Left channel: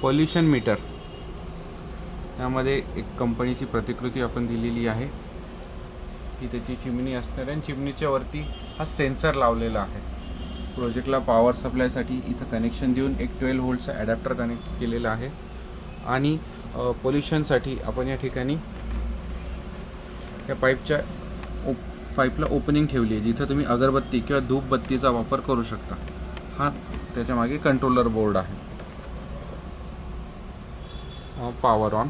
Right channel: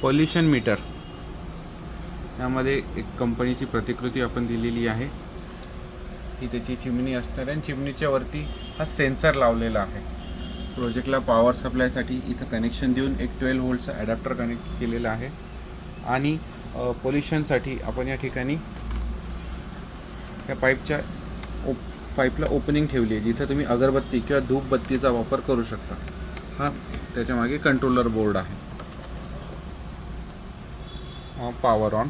Pollution metre, यामध्ये एक कंपनीची प्रतिकृती आपण दिलेली आहे. ही त्याची चिमणी असणार आहे आणि चिमणीच्या वरती हा सेन्सर लावलेला आहे. प्रोजेक्टला पॉवर सप्लायसाठी इथं कनेक्शन देऊन एक 12 व्होल्टचा ॲडॅप्टर कनेक्ट केलेला आहे. आणि पोल्युशनसाठी आपण या ठिकाणी या पाईपला ओपनिंग ठेवली आहे, जिथं तुम्ही अगरबत्ती किंवा धूपबत्तीचा वापर करू शकता. हा त्याच्या मागे कंट्रोलर बोर्ड आहे. Power on.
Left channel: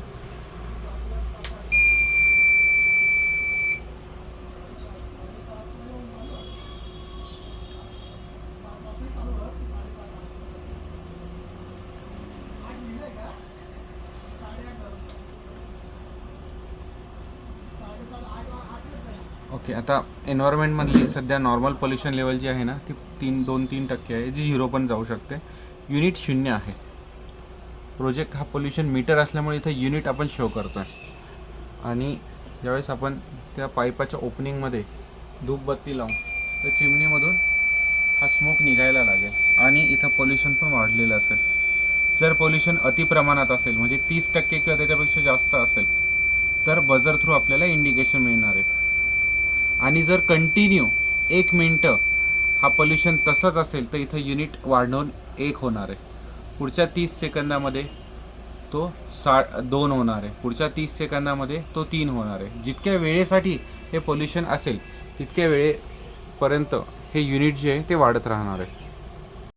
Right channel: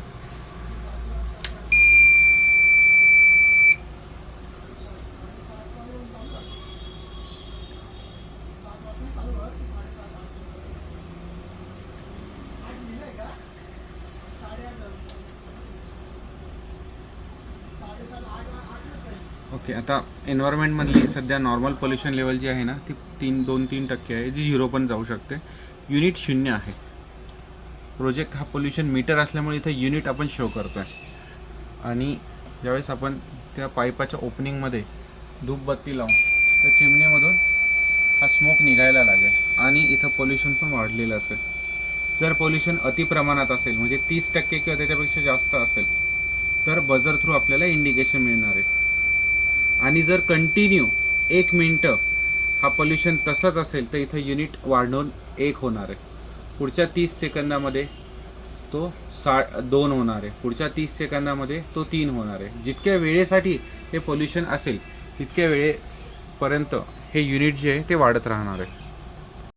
ओके, आता एन्व्हायरमेंटमधली सध्या नॉर्मल पोल्युशन लेवल जी आहे ना, ती 2-3% आहे, जी 0 पण जाऊ शकते. युनिट 0 आहे. प्रोजेक्ट हा पोल्युशन मीटर असल्यामुळे इथे युनिट आपण शो करतो आहे. आणि ज्यावेळेस आपण त्या पाईपाच्या ओपनिंगमध्ये धूपबत्ती लावून तर चिमणीमधून हा स्मोक निघायला लागेल आणि इथं पोल्युशन पण वाढलेलं असेल. जर पोल्युशन अतिप्रमाणात असेल, म्हणजे 30% किंवा त्याच्यापेक्षा जास्त असेल, तर बझर थ्रू आपल्याला इंडिकेशन मिळणार आहे. आणि जर कंटिन्यू 1 मिनटं हा पोल्युशन तसाच असेल, तर इथं युनिट वाढवून 1 होणार आहे. पुढच्या 30 सेकंदामध्ये तो 2 होणार आहे. पुढच्या 30 सेकंदामध्ये तो 3 होणार आहे. जितक्या वेळेसाठी हे पोल्युशन असेल तितक्या वेळेपर्यंत हे युनिट जे आहे ते वाढत राहणार आहे.